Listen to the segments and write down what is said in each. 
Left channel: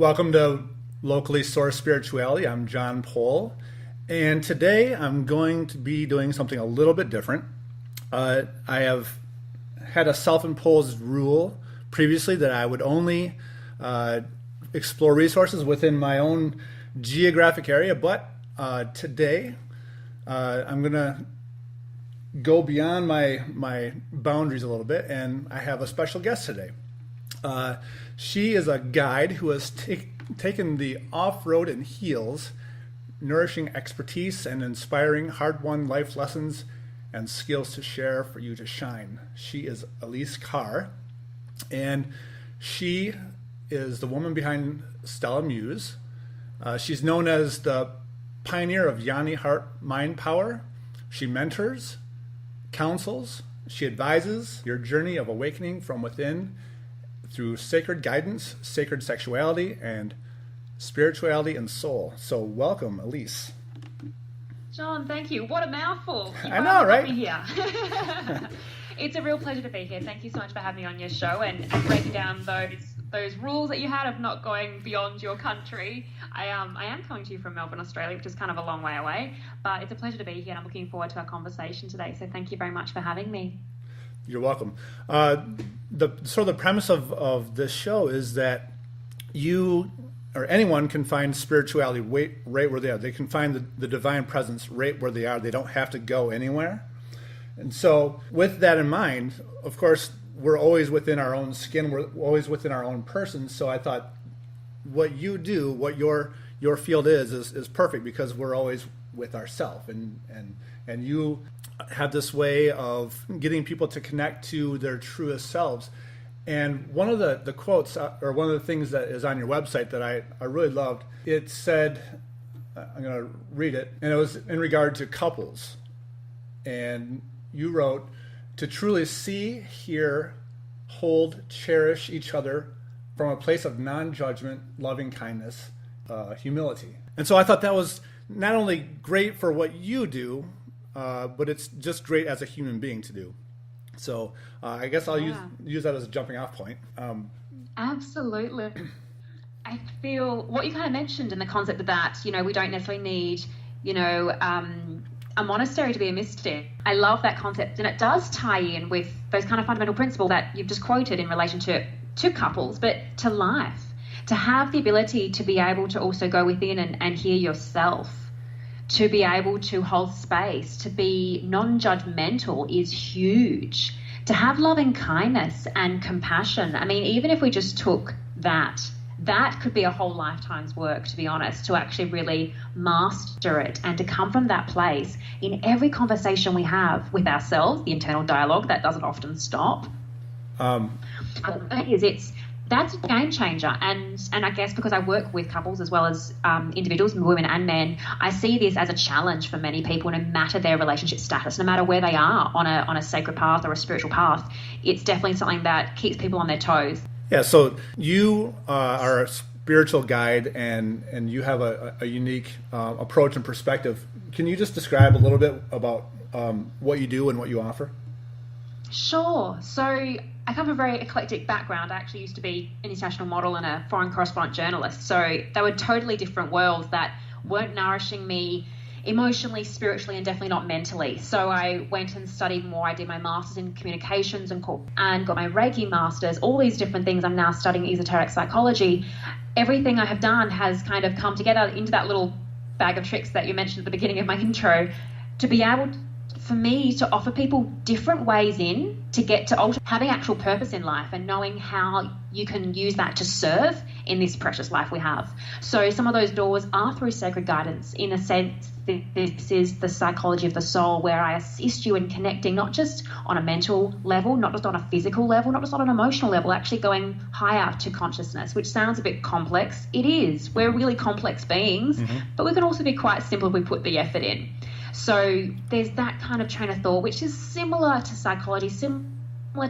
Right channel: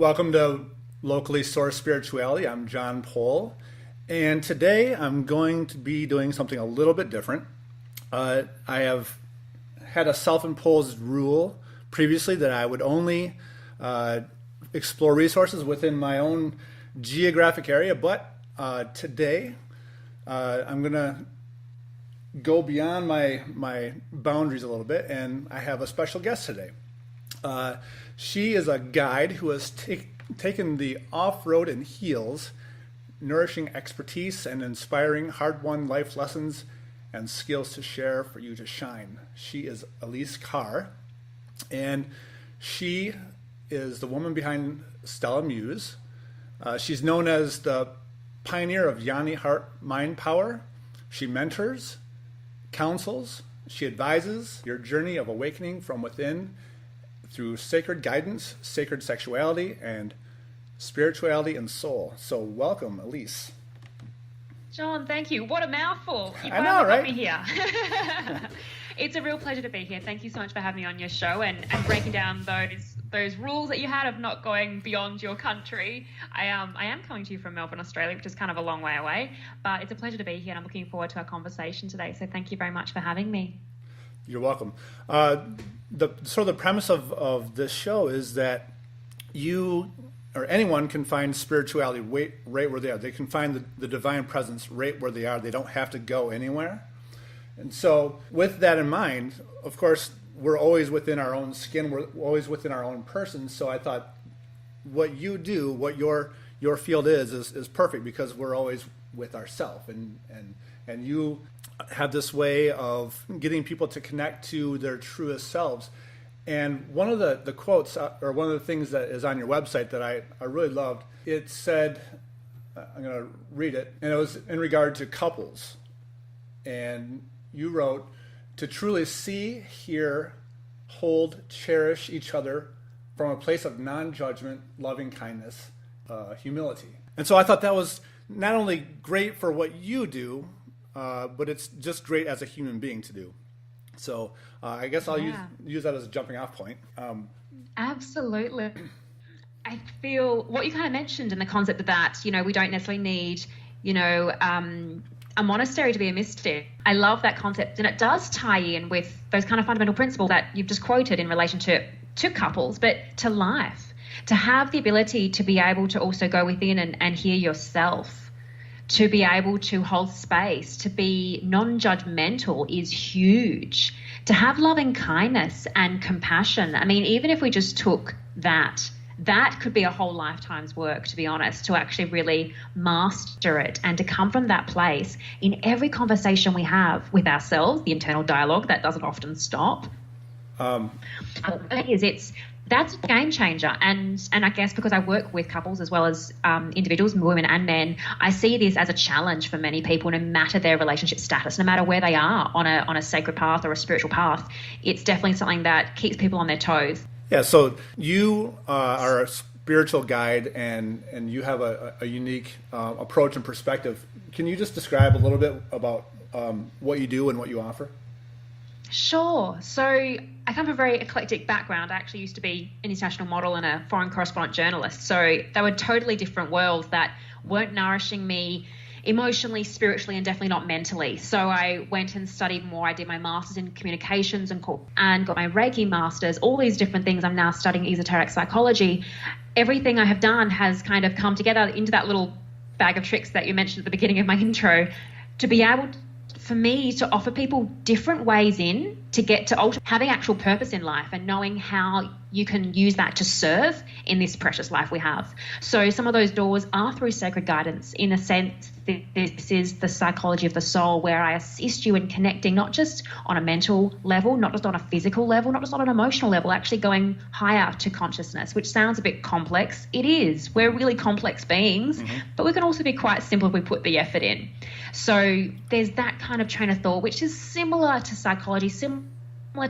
Welcome to Locally Sourced Spirituality. I'm John Pohl, and today I'm going to be doing something a little bit different. I have had a self-imposed rule previously that I would only explore resources within my own geographic area, but today I'm going to go beyond my boundaries a little bit, and I have a special guest today. She is a guide who has taken the off-road in heels, nourishing expertise and inspiring hard-won life lessons and skills to share for you to shine. She is Elise Carr, and she is the woman behind Stella Muse. She's known as the pioneer of Yoni Heart Mind Power. She mentors, counsels, she advises your journey of awakening from within through sacred guidance, sacred sexuality, and spirituality and soul. So welcome, Elise. John, thank you. What a mouthful. I know, right? Here. It's a real pleasure to be here. Thank you so much for having me on your show and breaking down those rules that you had of not going beyond your country. I am coming to you from Melbourne, Australia, which is kind of a long way away, but it's a pleasure to be here and I'm looking forward to our conversation today. So thank you very much for having me. You're welcome. The premise of this show is that you or anyone can find spirituality right where they are. They can find the divine presence right where they are. They don't have to go anywhere. And so with that in mind, of course, we're always within our own skin. We're always within our own person. So I thought what you do, what your field is perfect because we're always with ourselves. And you have this way of getting people to connect to their truest selves. And one of the quotes, or one of the things that is on your website that I really loved, it said, I'm going to read it, and it was in regard to couples. And you wrote, to truly see, hear, hold, cherish each other from a place of non-judgment, loving kindness, humility. And so I thought that was not only great for what you do, but it's just great as a human being to do. So I guess I'll use that as a jumping off point. Absolutely. I feel what you kind of mentioned in the concept of that, we don't necessarily need, a monastery to be a mystic. I love that concept. And it does tie in with those kind of fundamental principles that you've just quoted in relation to couples, but to life, to have the ability to be able to also go within and hear yourself, to be able to hold space, to be non-judgmental is huge. To have loving kindness and compassion. I mean, even if we just took that could be a whole lifetime's work, to be honest, to actually really master it and to come from that place in every conversation we have with ourselves, the internal dialogue that doesn't often stop. That's a game changer. And I guess because I work with couples as well as individuals, women and men, I see this as a challenge for many people, no matter their relationship status, no matter where they are on a sacred path or a spiritual path. It's definitely something that keeps people on their toes. Yeah, so you are a spiritual guide and you have a unique approach and perspective. Can you just describe a little bit about what you do and what you offer? Sure. So I come from a very eclectic background. I actually used to be an international model and a foreign correspondent journalist. So they were totally different worlds that weren't nourishing me emotionally, spiritually, and definitely not mentally. So I went and studied more. I did my master's in communications and got my Reiki master's, all these different things. I'm now studying esoteric psychology. Everything I have done has kind of come together into that little bag of tricks that you mentioned at the beginning of my intro to be able for me to offer people different ways in to get to having actual purpose in life and knowing how you can use that to serve in this precious life we have. So some of those doors are through sacred guidance. In a sense, this is the psychology of the soul, where I assist you in connecting not just on a mental level, not just on a physical level, not just on an emotional level, actually going higher to consciousness, which sounds a bit complex. It is. We're really complex beings, but we can also be quite simple if we put the effort in. So there's that kind of train of thought, which is similar to psychology, similar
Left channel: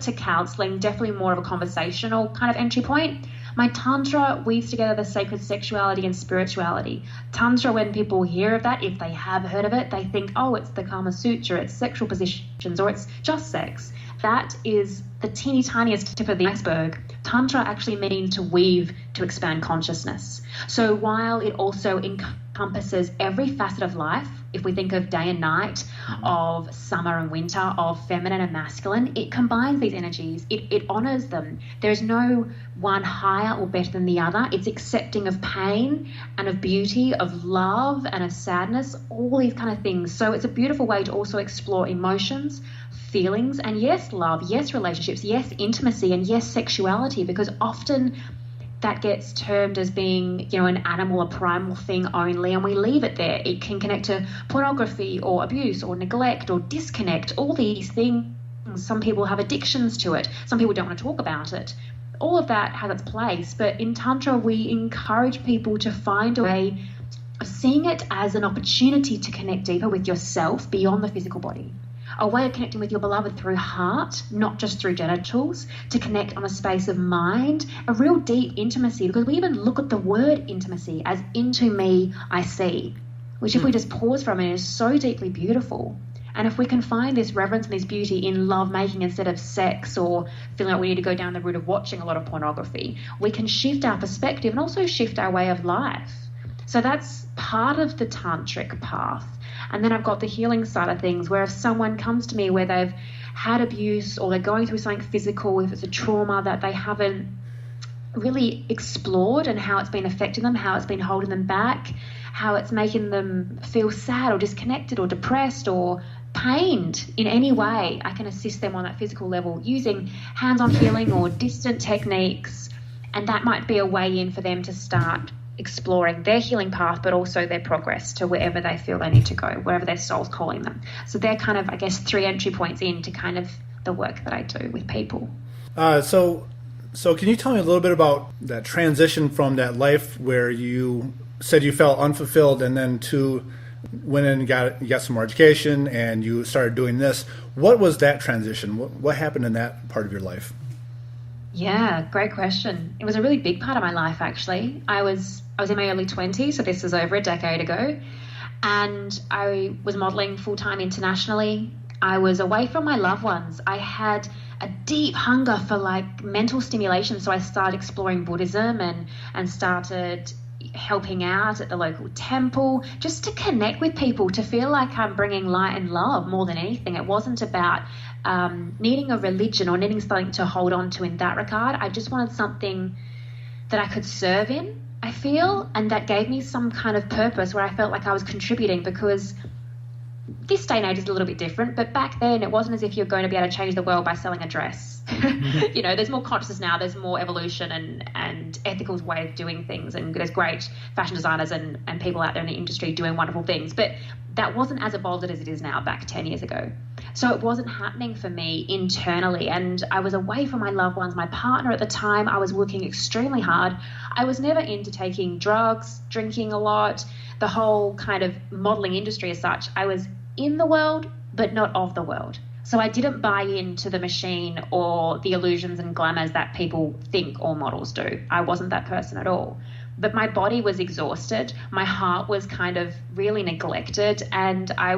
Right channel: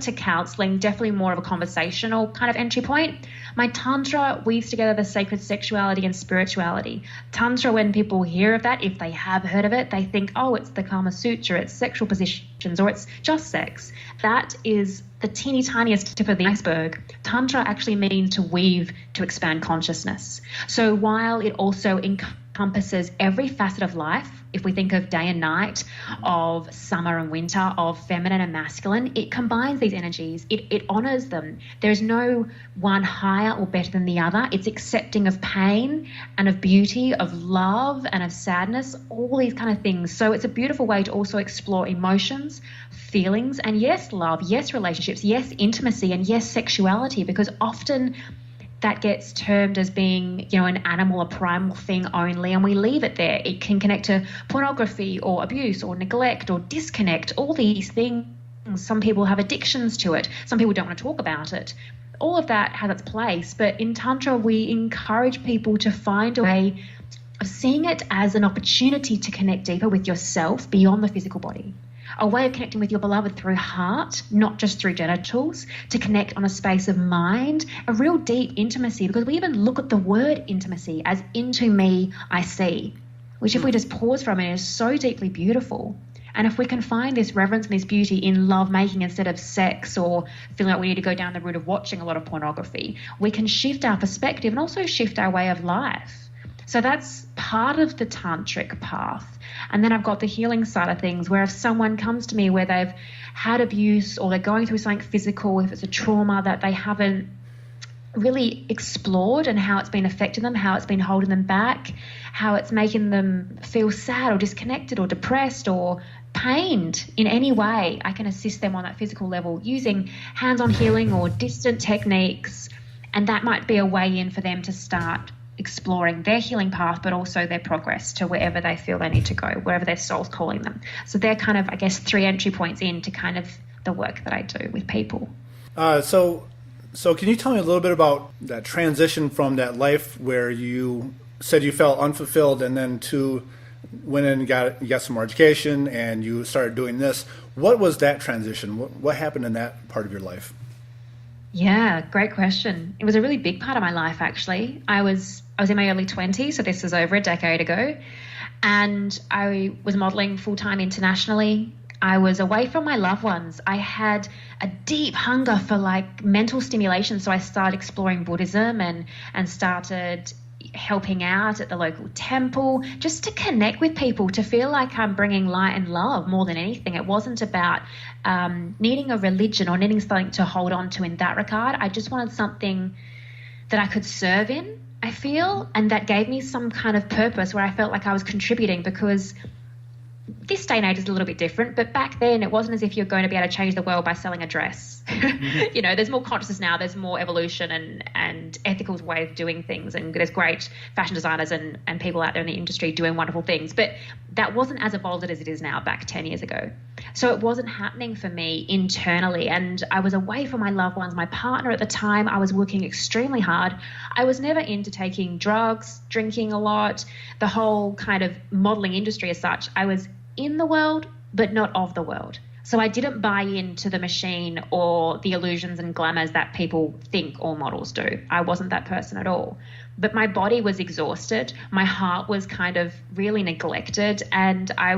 to counseling, definitely more of a conversational kind of entry point. My Tantra weaves together the sacred sexuality and spirituality. Tantra, when people hear of that, if they have heard of it, they think, oh, it's the Kama Sutra, it's sexual positions, or it's just sex. That is the teeny tiniest tip of the iceberg. Tantra actually means to weave, to expand consciousness. So while it also encompasses every facet of life, if we think of day and night, of summer and winter, of feminine and masculine, it combines these energies. It honors them. There's no one higher or better than the other. It's accepting of pain and of beauty, of love and of sadness, all these kind of things. So it's a beautiful way to also explore emotions, feelings, and yes, love, yes, relationships, yes, intimacy, and yes, sexuality, because often that gets termed as being, an animal, a primal thing only, and we leave it there. It can connect to pornography or abuse or neglect or disconnect, all these things. Some people have addictions to it. Some people don't want to talk about it. All of that has its place, but in Tantra, we encourage people to find a way of seeing it as an opportunity to connect deeper with yourself beyond the physical body. A way of connecting with your beloved through heart, not just through genitals, to connect on a space of mind, a real deep intimacy, because we even look at the word intimacy as into me I see, which if we just pause for a minute is so deeply beautiful. And if we can find this reverence and this beauty in love making instead of sex, or feeling like we need to go down the route of watching a lot of pornography, we can shift our perspective and also shift our way of life. So that's part of the tantric path. And then I've got the healing side of things, where if someone comes to me where they've had abuse or they're going through something physical, if it's a trauma that they haven't really explored and how it's been affecting them, how it's been holding them back, how it's making them feel sad or disconnected or depressed or pained in any way, I can assist them on that physical level using hands-on healing or distant techniques. And that might be a way in for them to start exploring their healing path, but also their progress to wherever they feel they need to go, wherever their soul's calling them. So they're kind of, 3 entry points into kind of the work that I do with people. So can you tell me a little bit about that transition from that life where you said you felt unfulfilled and then to went in and got some more education and you started doing this? What was that transition? What happened in that part of your life? Yeah, great question. It was a really big part of my life, actually. I was in my early 20s, so this was over a decade ago, and I was modeling full-time internationally. I was away from my loved ones. I had a deep hunger for mental stimulation, so I started exploring Buddhism and started helping out at the local temple just to connect with people, to feel like I'm bringing light and love more than anything. It wasn't about needing a religion or needing something to hold on to in that regard. I just wanted something that I could serve in, I feel, and that gave me some kind of purpose where I felt like I was contributing, because this day and age is a little bit different, but back then it wasn't as if you're going to be able to change the world by selling a dress. There's more consciousness now, there's more evolution and ethical way of doing things, and there's great fashion designers and people out there in the industry doing wonderful things, but that wasn't as evolved as it is now back 10 years ago. So it wasn't happening for me internally, and I was away from my loved ones. My partner at the time, I was working extremely hard. I was never into taking drugs, drinking a lot, the whole kind of modeling industry as such. I was in the world, but not of the world. So I didn't buy into the machine or the illusions and glamours that people think all models do. I wasn't that person at all. But my body was exhausted. My heart was kind of really neglected. And I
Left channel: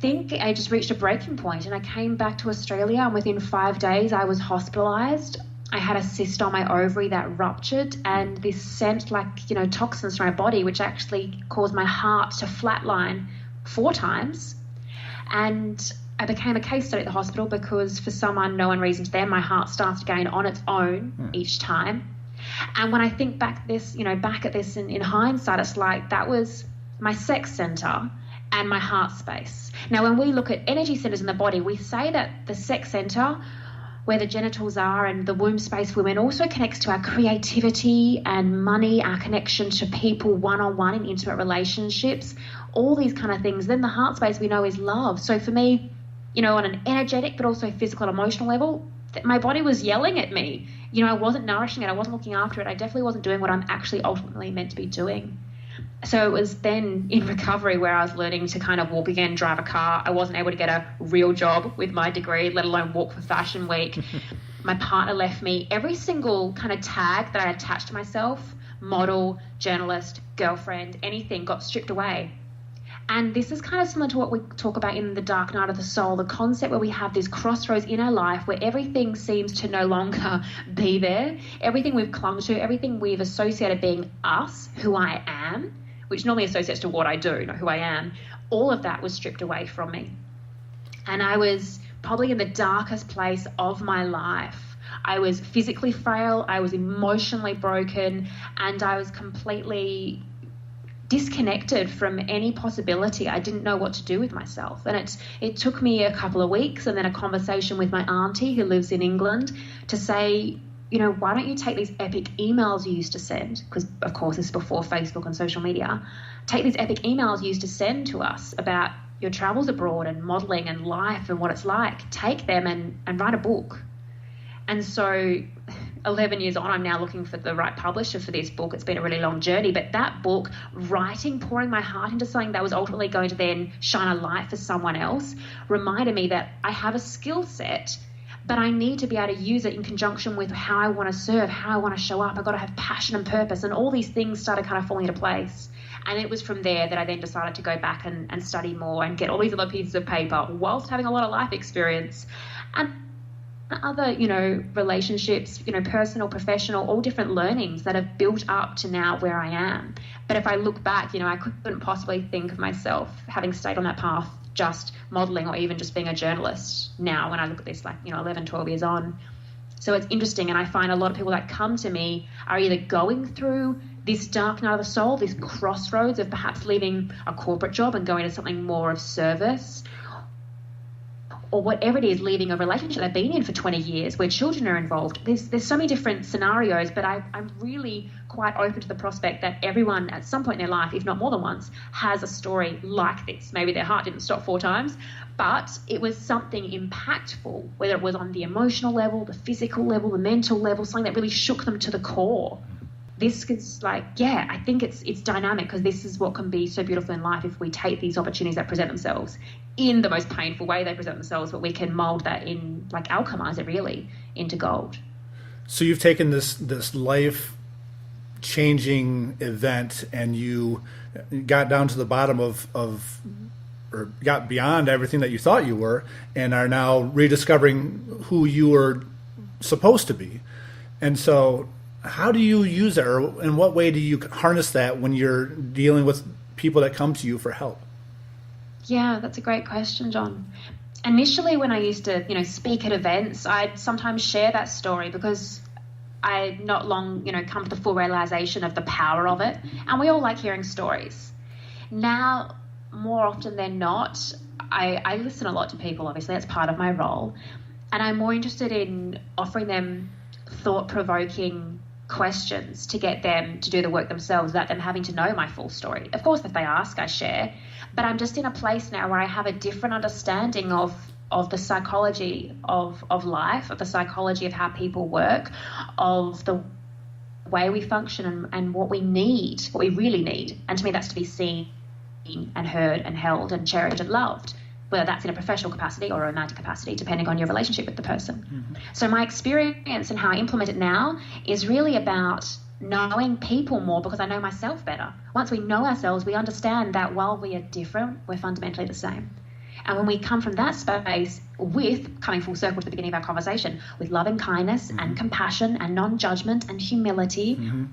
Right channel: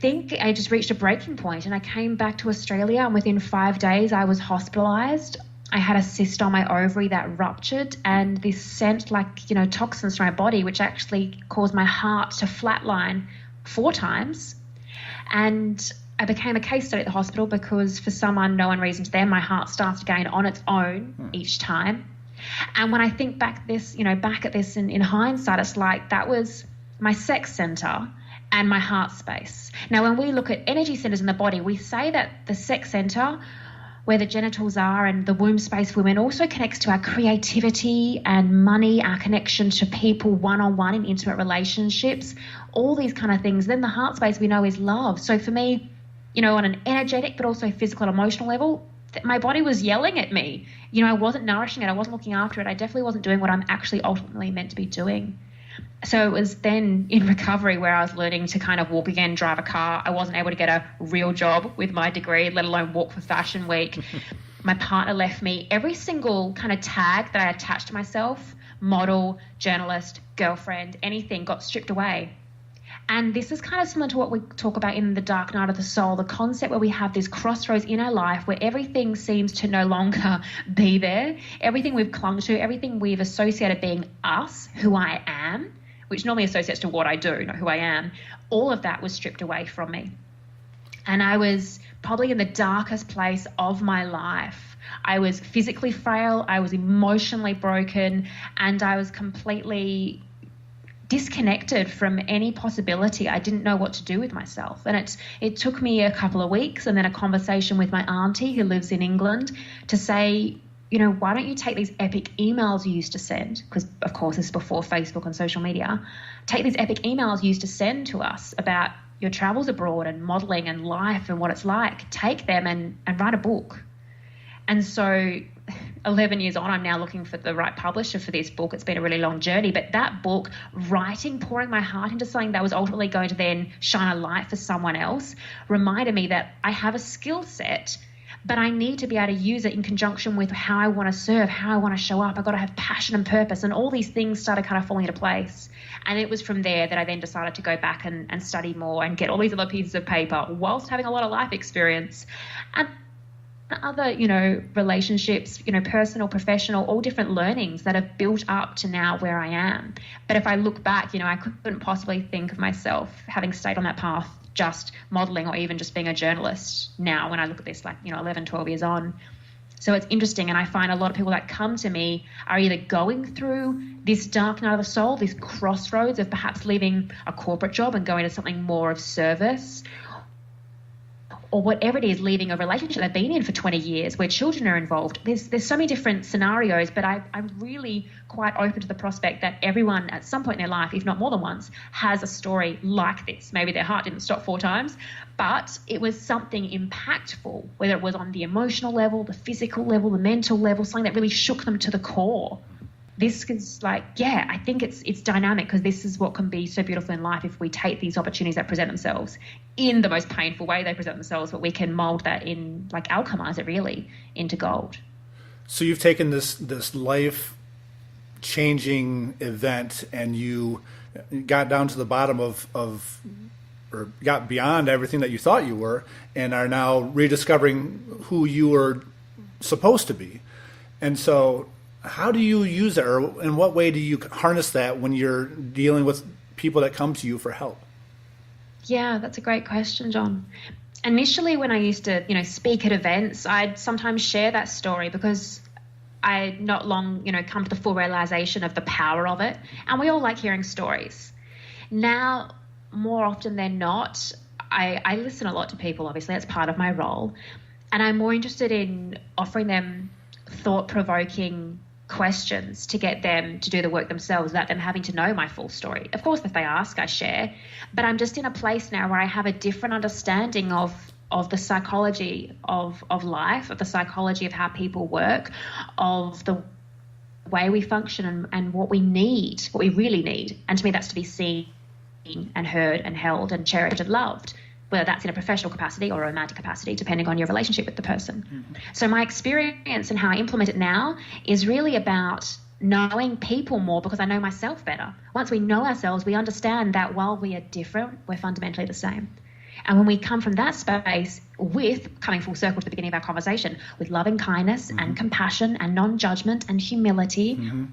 think I just reached a breaking point, and I came back to Australia, and within 5 days I was hospitalised. I had a cyst on my ovary that ruptured, and this sent toxins to my body, which actually caused my heart to flatline 4 times. And I became a case study at the hospital because for some unknown reason to them, my heart started going on its own each time. And when I think back at this in hindsight, it's like that was my sex center and my heart space. Now, when we look at energy centers in the body, we say that the sex center, where the genitals are, and the womb space for women, also connects to our creativity and money, our connection to people one-on-one in intimate relationships, all these kind of things. Then the heart space we know is love. So for me, on an energetic but also physical and emotional level, my body was yelling at me. I wasn't nourishing it. I wasn't looking after it. I definitely wasn't doing what I'm actually ultimately meant to be doing. So it was then in recovery where I was learning to kind of walk again, drive a car. I wasn't able to get a real job with my degree, let alone walk for Fashion Week. My partner left me. Every single kind of tag that I attached to myself, model, journalist, girlfriend, anything, got stripped away. And this is kind of similar to what we talk about in The Dark Night of the Soul, the concept where we have this crossroads in our life where everything seems to no longer be there. Everything we've clung to, everything we've associated being us, who I am, which normally associates to what I do, not who I am, all of that was stripped away from me. And I was probably in the darkest place of my life. I was physically frail, I was emotionally broken, and I was completely disconnected from any possibility. I didn't know what to do with myself. And it took me a couple of weeks and then a conversation with my auntie who lives in England to say, why don't you take these epic emails you used to send? Because, of course, this is before Facebook and social media. Take these epic emails you used to send to us about your travels abroad and modelling and life and what it's like. Take them and write a book. And so 11 years on, I'm now looking for the right publisher for this book. It's been a really long journey, but that book, writing, pouring my heart into something that was ultimately going to then shine a light for someone else, reminded me that I have a skill set, but I need to be able to use it in conjunction with how I want to serve, how I want to show up. I've got to have passion and purpose, and all these things started kind of falling into place. And it was from there that I then decided to go back and study more and get all these other pieces of paper whilst having a lot of life experience. And other, relationships, personal, professional, all different learnings that have built up to now where I am. But if I look back, I couldn't possibly think of myself having stayed on that path, just modelling or even just being a journalist now when I look at this 11, 12 years on. So it's interesting, and I find a lot of people that come to me are either going through this dark night of the soul, this crossroads of perhaps leaving a corporate job and going to something more of service, or whatever it is, leaving a relationship they've been in for 20 years where children are involved. There's so many different scenarios, but I'm really quite open to the prospect that everyone at some point in their life, if not more than once, has a story like this. Maybe their heart didn't stop 4 times, but it was something impactful, whether it was on the emotional level, the physical level, the mental level, something that really shook them to the core. This is I think it's dynamic, because this is what can be so beautiful in life if we take these opportunities that present themselves in the most painful way they present themselves, but we can mold that in, alchemize it really into gold. So you've taken this life changing event and you got down to the bottom of or got beyond everything that you thought you were and are now rediscovering who you were supposed to be. And so how do you use it, or in what way do you harness that when you're dealing with people that come to you for help? Yeah, that's a great question, John. Initially, when I used to, speak at events, I'd sometimes share that story because I not long, come to the full realization of the power of it. And we all like hearing stories. Now, more often than not, I listen a lot to people, obviously, that's part of my role. And I'm more interested in offering them thought-provoking questions to get them to do the work themselves without them having to know my full story. Of course, if they ask, I share. But I'm just in a place now where I have a different understanding of the psychology of life, of the psychology of how people work, of the way we function and what we need, what we really need. And to me, that's to be seen and heard and held and cherished and loved, whether that's in a professional capacity or a romantic capacity, depending on your relationship with the person. Mm-hmm. So my experience and how I implement it now is really about knowing people more, because I know myself better. Once we know ourselves, we understand that while we are different, we're fundamentally the same. And when we come from that space with, coming full circle to the beginning of our conversation, with loving kindness mm-hmm. and compassion and non-judgment and humility, mm-hmm.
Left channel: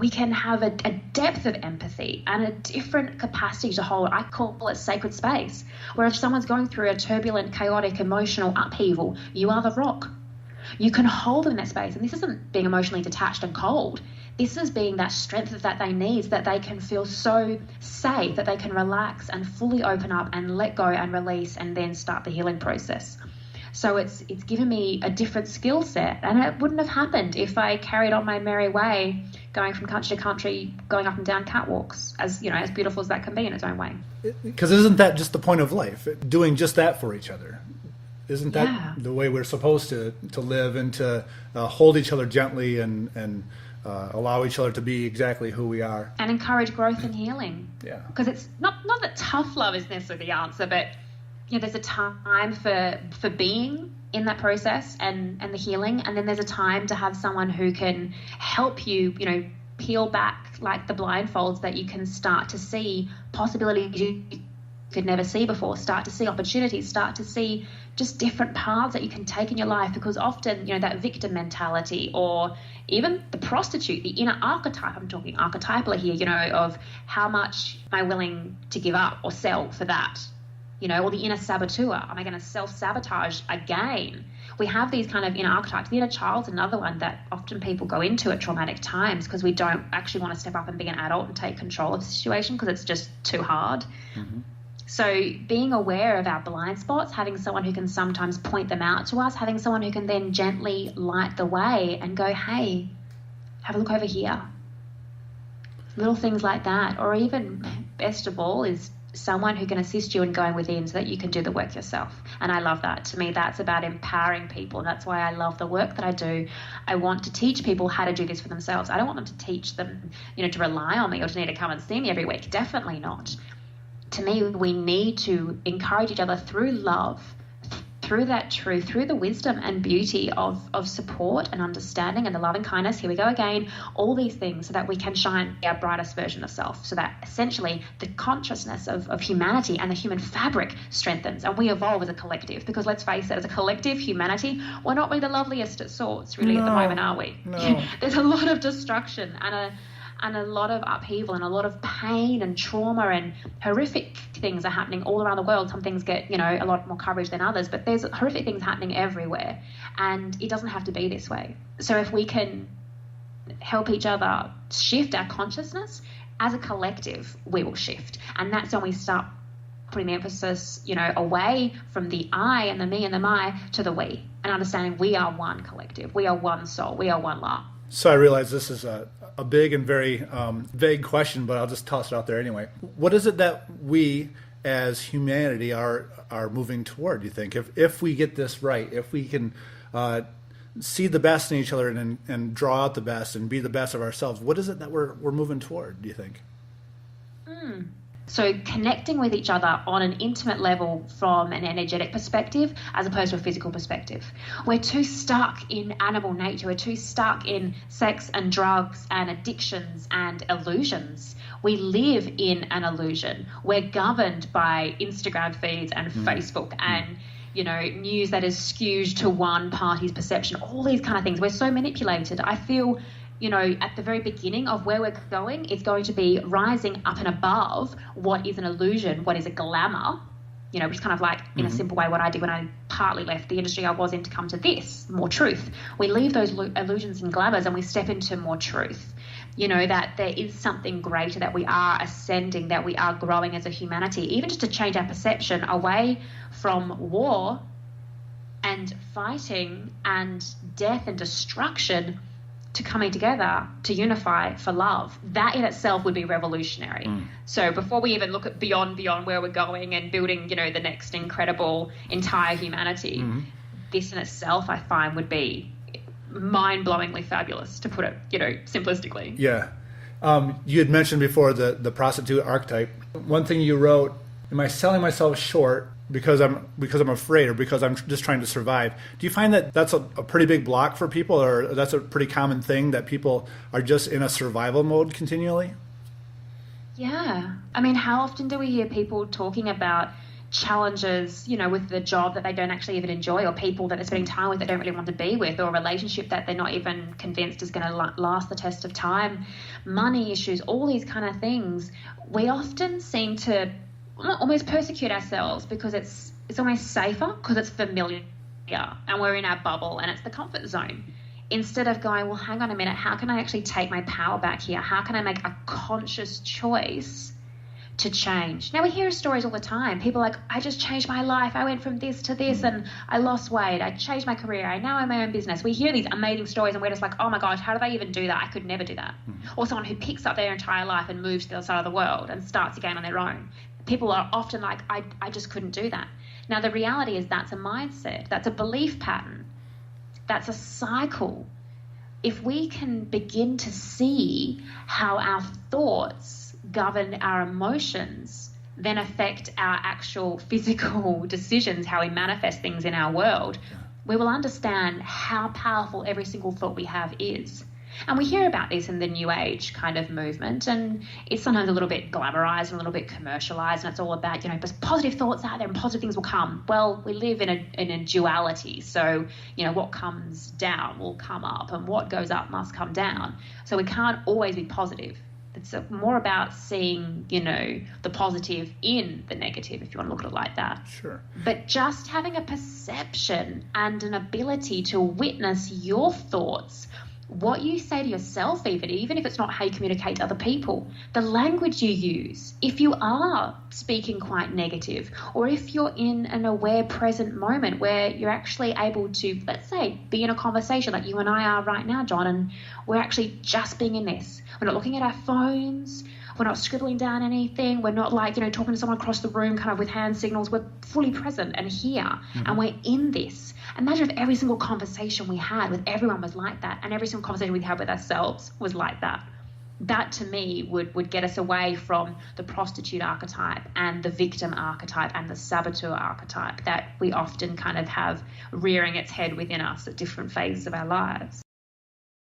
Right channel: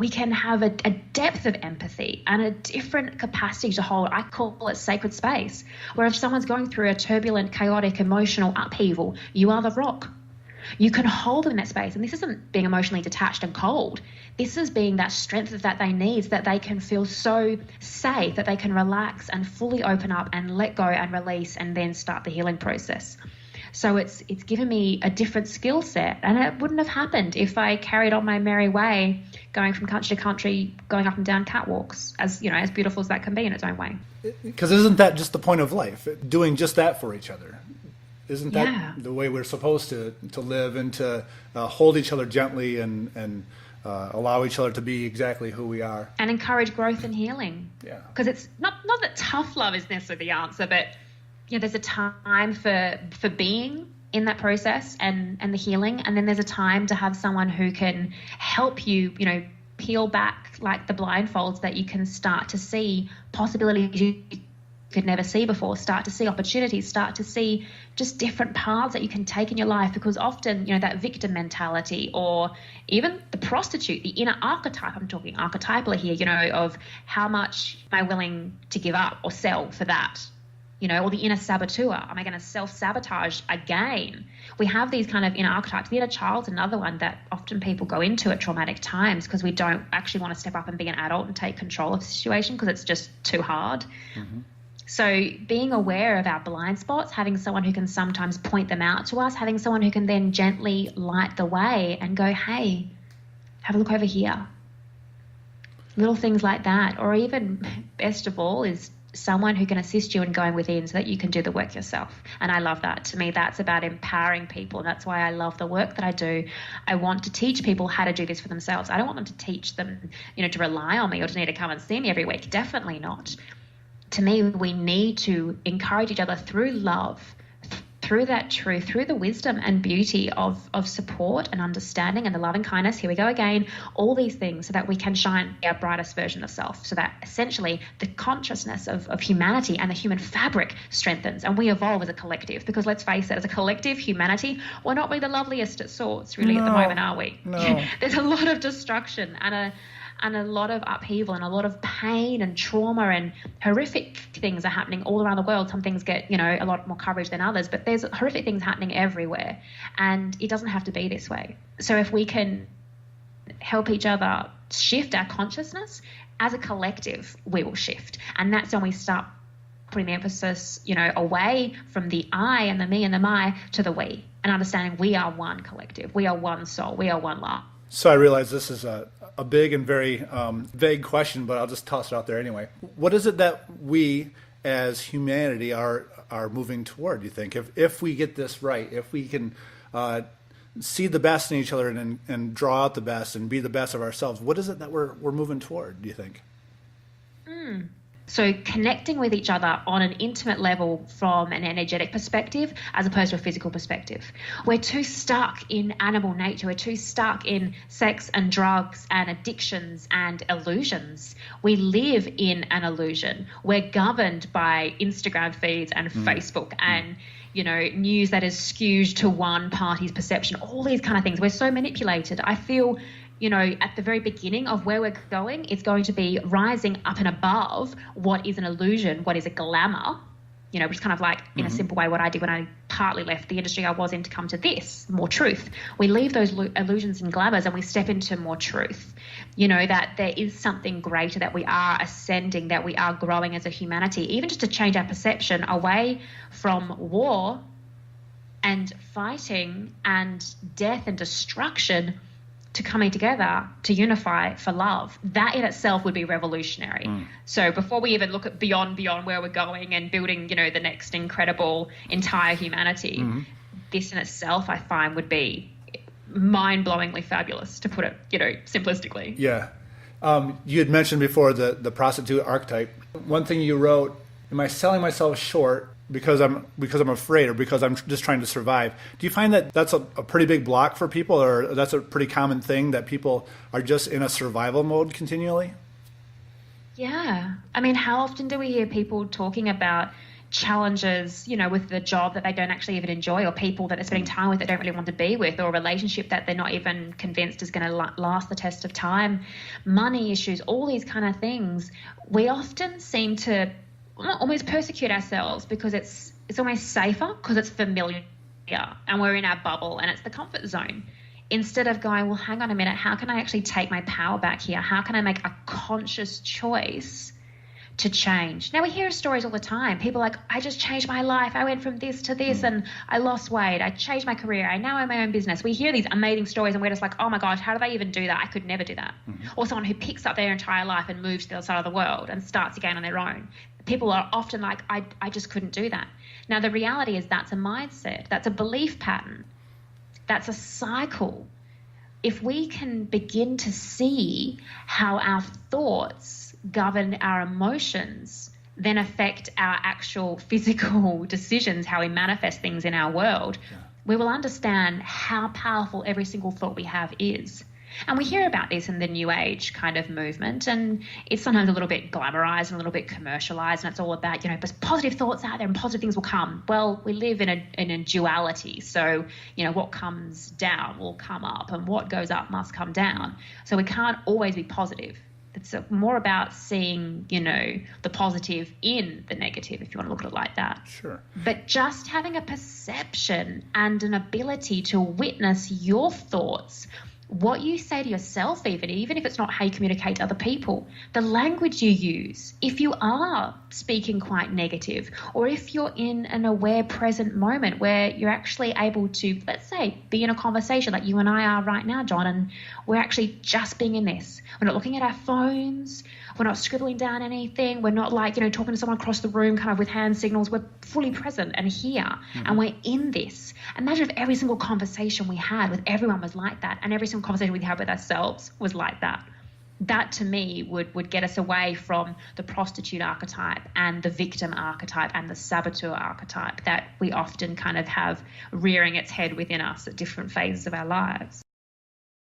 we can have a depth of empathy and a different capacity to hold. I call it sacred space, where if someone's going through a turbulent, chaotic, emotional upheaval, you are the rock. You can hold them in that space. And this isn't being emotionally detached and cold. This is being that strength that they need, so that they can feel so safe, that they can relax and fully open up and let go and release and then start the healing process. So it's given me a different skill set, and it wouldn't have happened if I carried on my merry way, going from country to country, going up and down catwalks, as as beautiful as that can be in its own way. Because isn't that just the point of life, doing just that for each other? Isn't that the way we're supposed to live, and to hold each other gently and allow each other to be exactly who we are, and encourage growth and healing? Yeah, because it's not that tough love is necessarily the answer, but there's a time for being in that process and the healing. And then there's a time to have someone who can help you, peel back like the blindfolds, that you can start to see possibilities you could never see before, start to see opportunities, start to see just different paths that you can take in your life. Because often, that victim mentality, or even the prostitute, the inner archetype, I'm talking archetypally here, of how much am I willing to give up or sell for that, or the inner saboteur, am I going to self-sabotage again? We have these kind of inner archetypes. The inner child's another one that often people go into at traumatic times, because we don't actually want to step up and be an adult and take control of the situation because it's just too hard. Mm-hmm. So being aware of our blind spots, having someone who can sometimes point them out to us, having someone who can then gently light the way and go, hey, have a look over here. Little things like that. Or even, best of all, is someone who can assist you in going within so that you can do the work yourself. And I love that. To me, that's about empowering people. That's why I love the work that I do. I want to teach people how to do this for themselves. I don't want them to teach them, to rely on me or to need to come and see me every week. Definitely not. To me, we need to encourage each other through love, through that truth, through the wisdom and beauty of support and understanding and the loving kindness. Here we go again, all these things, so that we can shine our brightest version of self, so that essentially the consciousness of humanity and the human fabric strengthens and we evolve as a collective. Because let's face it, as a collective, humanity, we're not being the loveliest at sorts really at the moment, are we? No. There's a lot of destruction and a lot of upheaval and a lot of pain and trauma, and horrific things are happening all around the world. Some things get, a lot more coverage than others, but there's horrific things happening everywhere, and it doesn't have to be this way. So if we can help each other shift our consciousness as a collective, we will shift. And that's when we start putting the emphasis, away from the I and the me and the my to the we, and understanding we are one collective, we are one soul, we are one love. So I realize this is a big and very vague question, but I'll just toss it out there anyway. What is it that we as humanity are moving toward, do you think? If we get this right, if we can see the best in each other and draw out the best and be the best of ourselves, what is it that we're moving toward, do you think? So connecting with each other on an intimate level from an energetic perspective as opposed to a physical perspective. We're too stuck in animal nature. We're too stuck in sex and drugs and addictions and illusions. We live in an illusion. We're governed by Instagram feeds and Facebook and news that is skewed to one party's perception, all these kind of things. We're so manipulated. I feel at the very beginning of where we're going is going to be rising up and above what is an illusion, what is a glamour, which is kind of like, in a simple way, what I did when I partly left the industry I was in to come to this, more truth. We leave those illusions and glamours and we step into more truth, that there is something greater, that we are ascending, that we are growing as a humanity, even just to change our perception away from war and fighting and death and destruction to coming together to unify for love. That in itself would be revolutionary. So before we even look at beyond where we're going and building, the next incredible entire humanity, this in itself I find would be mind-blowingly fabulous, to put it, simplistically. Yeah. You had mentioned before the prostitute archetype. One thing you wrote, am I selling myself short because I'm afraid, or because I'm just trying to survive? Do you find that that's a pretty big block for people, or that's a pretty common thing, that people are just in a survival mode continually? Yeah. I mean, how often do we hear people talking about challenges, with the job that they don't actually even enjoy, or people that they're spending time with that don't really want to be with, or a relationship that they're not even convinced is going to last the test of time, money issues, all these kind of things. We often seem to almost persecute ourselves because it's almost safer, because it's familiar and we're in our bubble and it's the comfort zone, instead of going, well, hang on a minute, how can I actually take my power back here? How can I make a conscious choice to change? Now, we hear stories all the time. People are like, I just changed my life. I went from this to this and I lost weight. I changed my career. I now own my own business. We hear these amazing stories and we're just like, oh my gosh, how do they even do that? I could never do that. Or someone who picks up their entire life and moves to the other side of the world and starts again on their own. People are often like, I just couldn't do that. Now, the reality is that's a mindset. That's a belief pattern. That's a cycle. If we can begin to see how our thoughts govern our emotions, then affect our actual physical decisions, how we manifest things in our world, we will understand how powerful every single thought we have is. And we hear about this in the New Age kind of movement, and it's sometimes a little bit glamorized and a little bit commercialized, and it's all about, there's positive thoughts out there and positive things will come. Well, we live in a duality, so, what comes down will come up, and what goes up must come down. So we can't always be positive. It's more about seeing, the positive in the negative, if you want to look at it like that. Sure. But just having a perception and an ability to witness your thoughts, what you say to yourself, even if it's not how you communicate to other people, the language you use, if you are speaking quite negative, or if you're in an aware present moment where you're actually able to, let's say, be in a conversation like you and I are right now, John, and we're actually just being in this. We're not looking at our phones. We're not scribbling down anything. We're not talking to someone across the room kind of with hand signals. We're fully present and here, and we're in this. Imagine if every single conversation we had with everyone was like that, and every single conversation we had with ourselves was like that. That, to me, would get us away from the prostitute archetype and the victim archetype and the saboteur archetype that we often kind of have rearing its head within us at different phases of our lives.